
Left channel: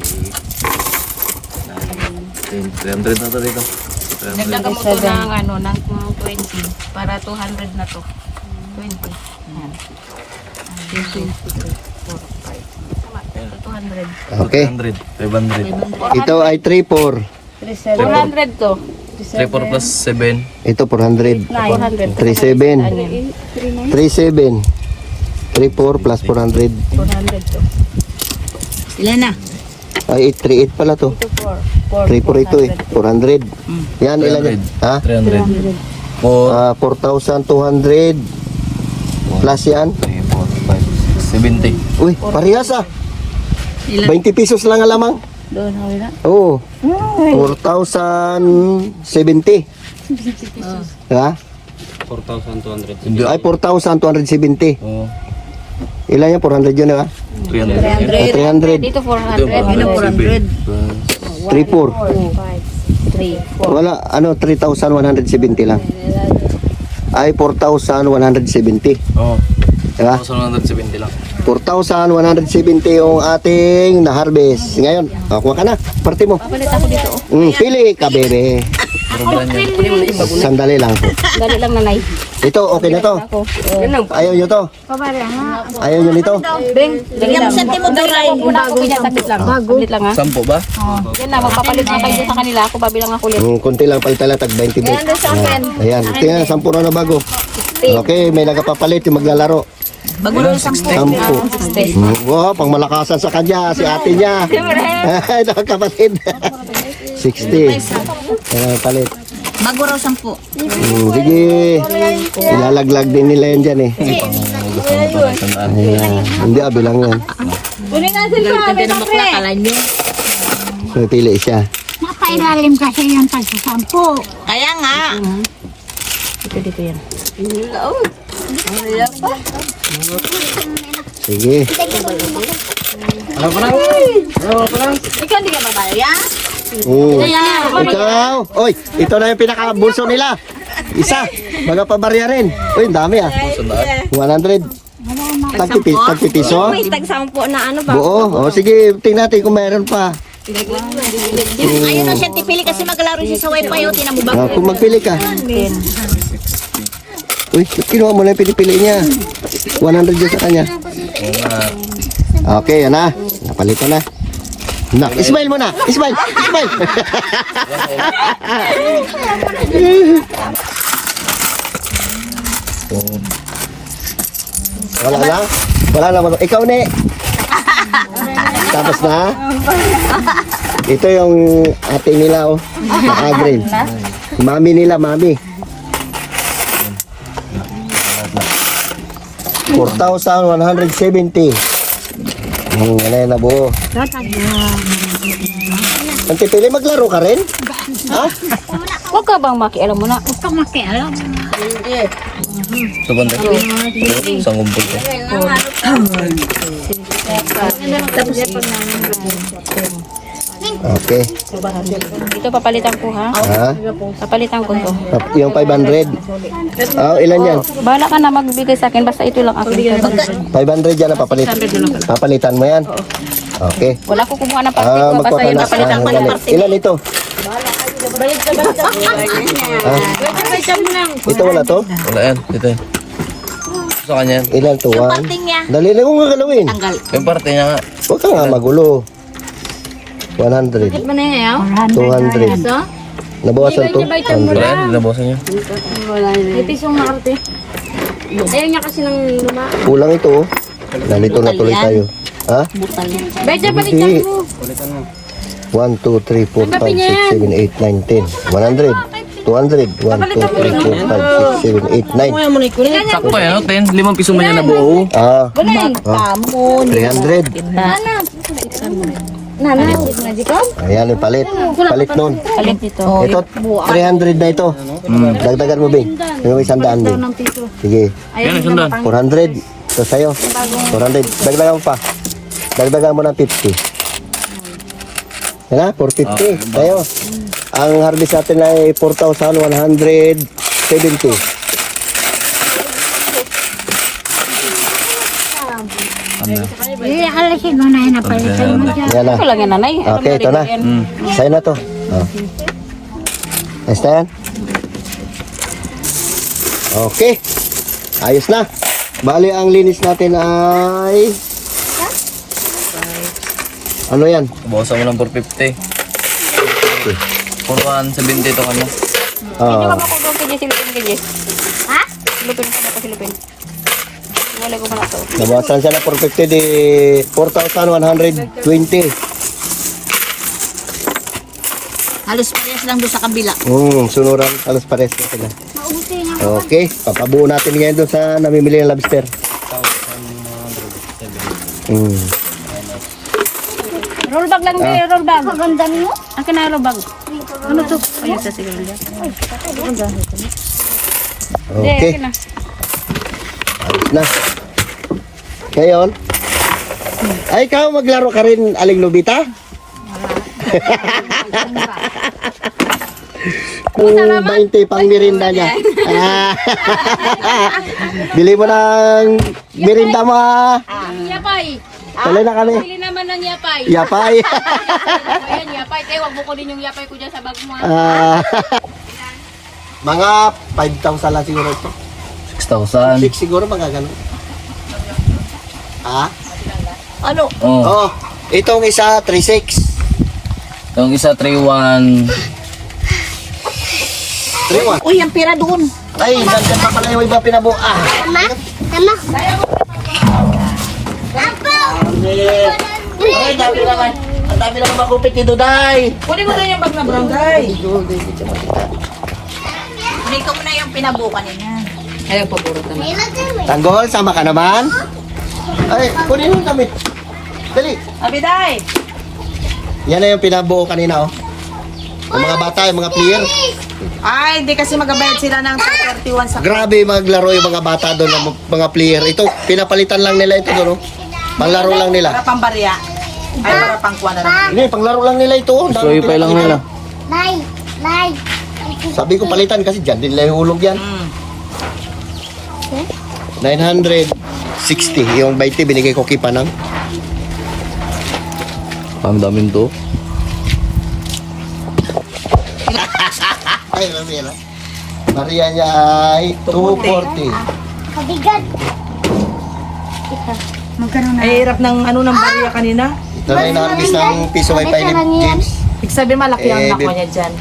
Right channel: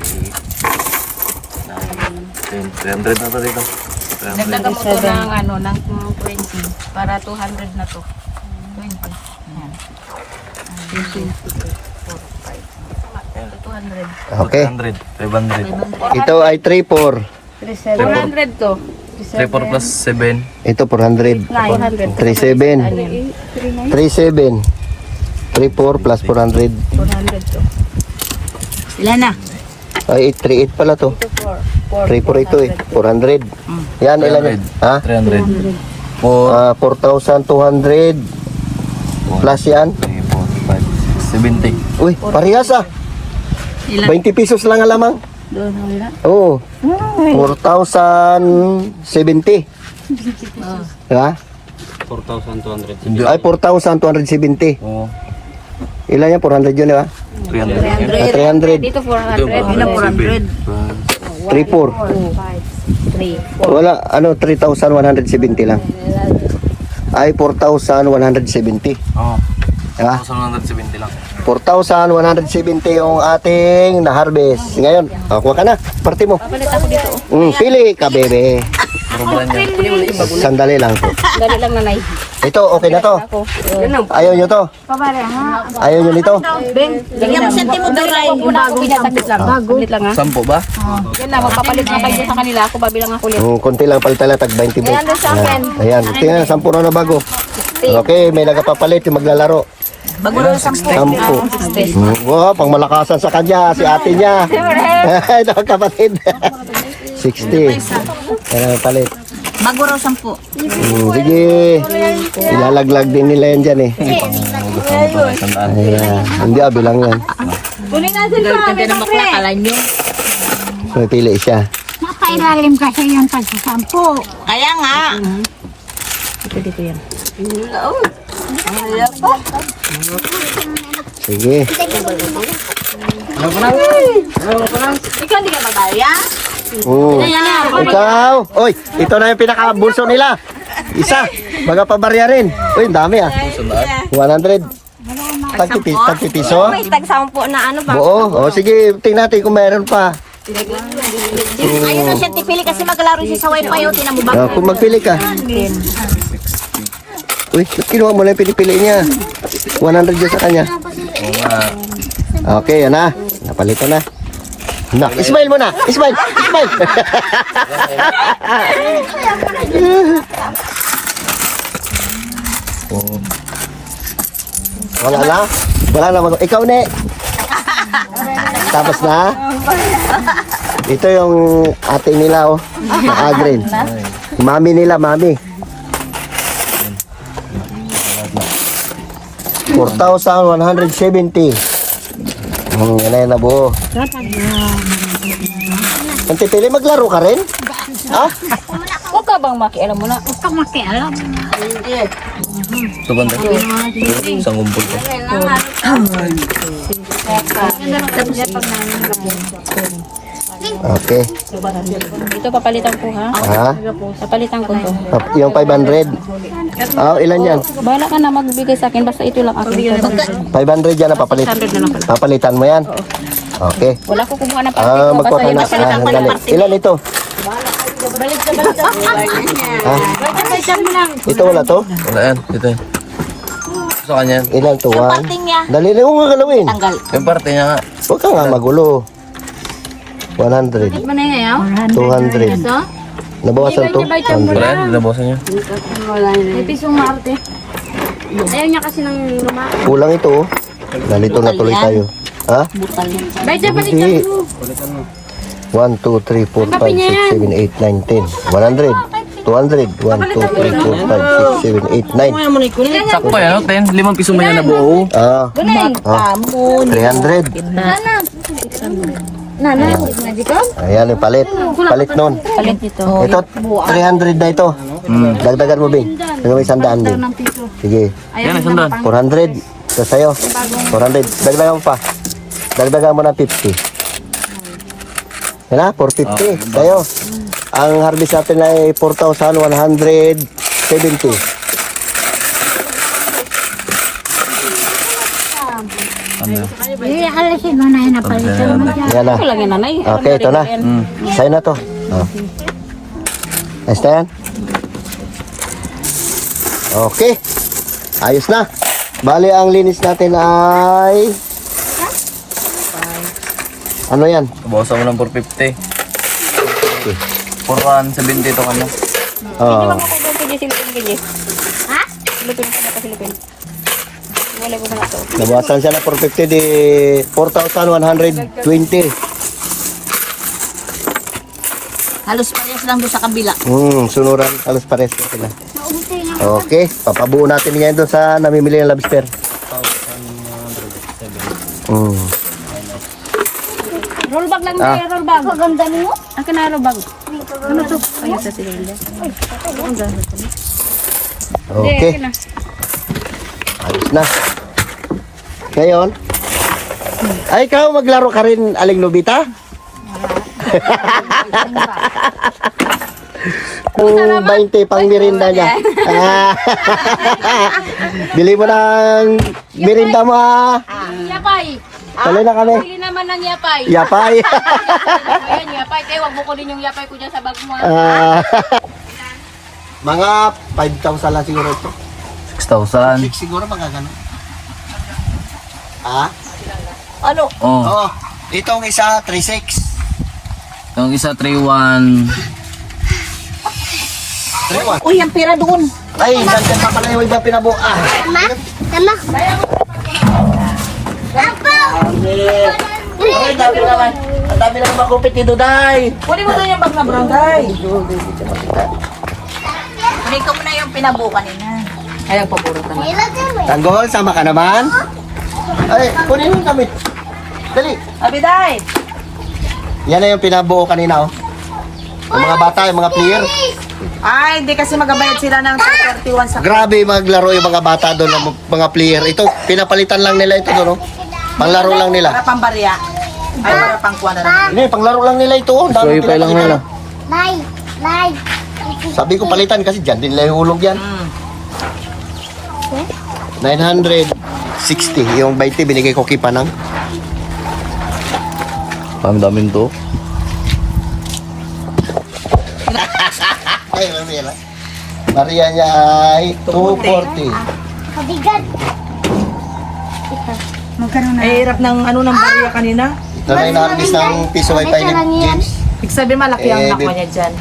8, 9, 10. 300 na to dito. 300. Nagdaga mo to ng ano, ng 20 para 200 na to. 20. Yan. 200. Okay. 300, 500. Ito ay 3-4. 400 to. 3, 4 plus 7. Ito 400. 900. 3-7. 3-7. 3-4 plus 400. 400 to. Ilan na? Ay, 3-8 pala to. 3-4 ito eh. 400. Yan, ilan yan? Ha? 300. 4,200 plus yan. 3, 4, 5, 70. Uy, parehas ah. Ilan? 20 pesos lang ang lamang. Oo. 4,070. Ha? 4,200. Ay, 4,270. Oo. Ilan yan? 400 yun, di ba? 300. 300. Dito 400. 3,400. 3. Wala, 3,170 lang. Ay, 4,170. Oo. Ha? 4,170 lang. 4,170 yung ating na-harvest. Ngayon, kuha ka na. Parte mo. Papalit ako dito. Pili ka, bebe. Puro brand yan. Sandali lang po. Dali lang nanay. Ito, okay na to. Ayaw nyo to. Ayaw nyo nito. Dali lang. Huwag muna ako pinasaglit lang. Saglit lang ha. 10 ba? Yan na, magpapalit na kayo sa kanila. Ako babilang ako ulit. Konti lang palitan lang, tag 20 bet. Ayan, tingnan, 10 na bago. Okay, may nagapapalit yung maglalaro. Bago na sa 10. Wow, pang malakasan sa kanya, si ate niya. Ito, kapatid. 60. Ayan, palit. bago raw 10. Sige, ilalaglag din nila yan dyan eh. Gusto mo to na 100. Ayan, hindi bilang yan. Galit natin ng bakla, kala nyo. May pili siya. Napailalim kasi yung tagsasampu. Kaya nga. Dito yan. Sige. Ikaw hindi ka babaya? Ikaw. Oy, ito na yung pinaka-bulso nila. Isa. Baga pabarya rin. Uy, ang dami ah. 100. Tagpipiso. May tag-10 na ano ba? Buo. O sige, tingnan natin kung meron pa. Ayun na siya tipili kasi maglaro siya sa wifi o tinan mo ba? Kung magpili ka. Uy, ba't kinuha mo na yung pinipili niya? 100 dyan sa kanya. Oo nga. Okay, yan na. Napalito na. Na, smile mo na. Smile. Smile. Oo. Wala na. Wala na. Ikaw na. Tapos na. Ito yung ate nila, oh. Naka-green. Mami nila, mami. 4,170. Wala na buo. Ang pipili, maglaro ka rin? Huwag ka bang makialam mo na? Huwag kang makialam. Ito ba ito? Isang kumpul to. Okay. Dito papalitan ko ha. Ha? Papalitan ko to. Yung 500. Ilan yan? Bahala ka na magbigay sa akin. Basta ito lang akin. 500 yan na papalit. 600 na lang pala. Papalitan mo yan? Okay. Wala ko kumuha ng parte ko. Basta magkuha yung ka papalitan ko ng na. parte. Ilan ito? Ito wala to? Wala yan. Ito yan. Gusto kanya yan. Ilan to? One? Parting niya. Dali lang kung gagalawin. Tanggal. Yung parte niya nga. Huwag ka nga magulo. 100. 200. Nabawasan to? 100. Wala yan. Dinabawasan niya. Ayaw niya kasi ng luma. Kulang ito, oh. Nalito na tuloy tayo. Ha? Medyo Hindi. 1, 2, 3, 4, 5, 6, 7, 8, 9, 10. 100. 200. 1, 2, 3, 4, 5, 6, 7, 8, 9. Sakto yan. 10. 5 piso man yan na buo. Tamon. 300. Ayan yung palit. Palit nun. Palit dito. Ito, 300 na ito. Dagdagan mo, Bing. Dagdagan mo 100 din. Sige. Yan, isang daan. 400. Ito sa'yo. 400. Dagdagan mo pa. Dagdagan mo na 50. Yan na, 450. Sa'yo. Ang harvest natin ay 4,170. Ano? Alisin mo na yun, napalitan mo dyan. Yan na. Ito lang yan nanay. Okay, ito na. Sa'yo na to. Ayos na yan. Okay. Ayos na. Bali, ang linis natin ay... Ano yan? Bawasan mo ng 450. 4,170 ito kanya. Hindi ba makukuha kay Silipin kay Ha? Silipin ko na ito Silipin. Wala ko na ito. Nabawasan siya na 450 di 4,120. Halos parehas lang doon sa kabila. Sunuran. Halos pares na sila. Okay. Papabuo natin ngayon doon sa namimili ng lobster. Roll bag lang tayo, roll bag. Maganda niyo? Akin na roll bag. Ano to? Ayun sa sigilya. Okay. Ayos na. Ngayon, ay ikaw maglaro ka rin, Aling Lubita? Kung 20 pang mirinda niya. Bili mo ng mirinda mo ha. Yapay. Tuloy na kami. Bili naman ng yapay. Yapay. Ayan, yapay. Kaya wag mo kunin yung yapay ko dyan sa bag mo. Mga 5,000 lang siguro ito. 6,000. 6 siguro magagano. Ha? Ano? Oh. Oh, itong isa 3,600. Yung isa 3,100. 3,100. Uy, ang pera doon. Ay, nandiyan pa pala yung iba pinabuo. Ay, dami naman. Ang dami naman makupit ni Duday. Kunin mo doon yung bag na brown, guys. Kunin ko muna yung pinabuo kanina. Ay, nagpaburo naman. Tanggol, sama ka naman. Ay, kunin mo kami. Dali. Abiday! Yan na yung pinabuo kanina, oh. Yung mga bata, yung mga player. Ay, hindi kasi magabayad sila ng 31 sa... Grabe maglaro yung mga bata doon, mga player. Ito, pinapalitan lang nila ito doon, oh. Panglaro lang nila. Para pang barya. Ay, para pang kuha na lang. Hindi, panglaro lang nila ito, oh. So, ipay lang nila. Sabi ko palitan kasi dyan din nila hulog yan. 960. Yung 20 binigay ko kay Panang. Ang daming to. Ay, Maria. Maria niya ay 240. Ay, hirap ng ano ng barya kanina. Ito na yung na-harvest ng piso wifi ni James. Ibig sabihin malaki ang Eh, nakuha niya dyan.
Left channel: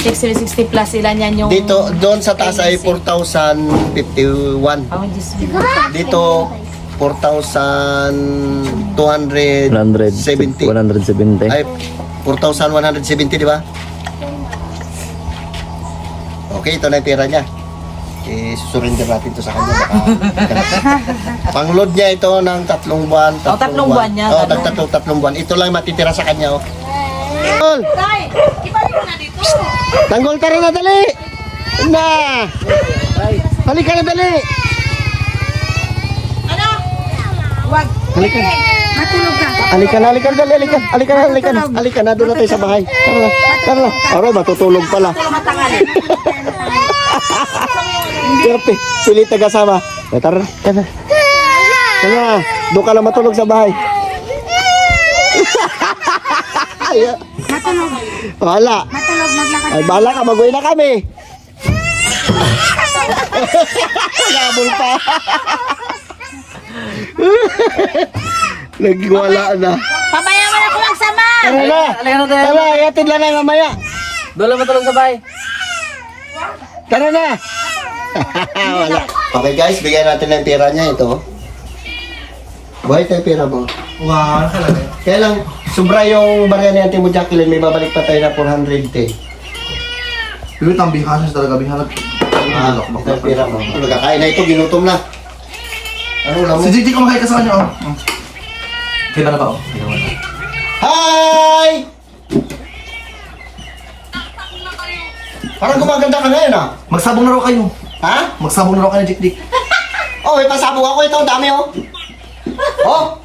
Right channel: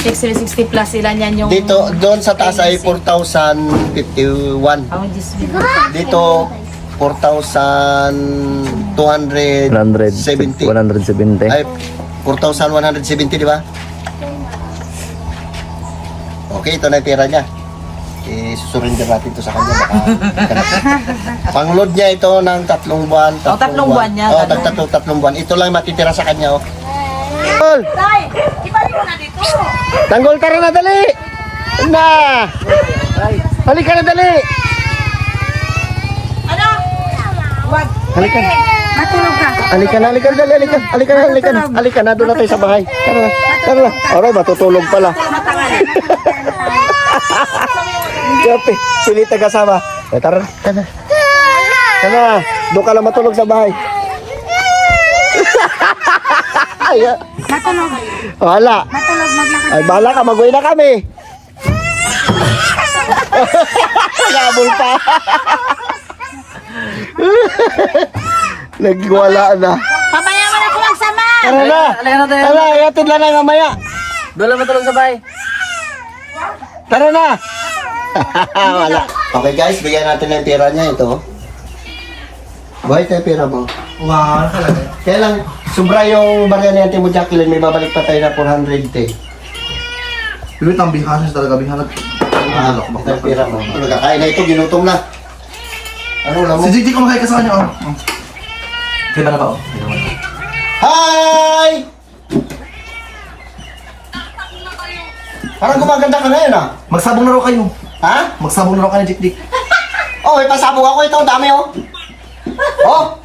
660 plus sila niyan yung... Dito, doon sa taas ay 4,051. Oh, Diyos me. Dito, 4,270. 170. Ay, 4,170, di ba? Okay, ito na yung pera niya. Susurrender natin ito sa kanya. Pang-load niya ito ng 3 buwan. Oh, 3 buwan niya, Oh, ganun. 3 buwan. Ito lang matitira sa kanya, oh. Tanggol! Tay! Ibalik mo na dito! Tanggol, tara na, dali! Na! Halika na, dali! Ano? Wag! Halika na. Matulog ka! Halika na, halika na, dali, halika na, halika na, halika na, halika na, doon na tayo sa bahay. Tara na, tara na. Aray, matutulog pala. Grabe, pilit na kasama. Eh, tara na, tara na. Tara na, doon ka lang matulog sa bahay. Ay, Matulog! wala. Matulog, maglakad! Ay, bahala ka, mag-uwi na kami. Nagabol pa. Nagwala na. Pabaya mo na po magsama! Tara na, tara, iatid lang na mamaya. Doon lang matulog sa bahay. Tara na! Wala. Okay guys, bigyan natin ng pera niya ito. Buhay tayo pera mo. Wow, talaga. Kaya lang, sobra yung barya ni Ate mo Jacqueline, may babalik pa tayo na 400 Yung ang bihanas talaga, bihanas. ito yung pera mo. Ano, kakain na ito, ginutom na. Ano lang mo? Si JT kumakain ka sa kanya, oh. Kailan na ba, oh? Hi! Parang gumaganda ka ngayon ah. Magsabong na raw kayo. Ha? Magsabong na raw kayo, Dik Dik. Oh, may pasabog ako ito, ang dami oh. Oh,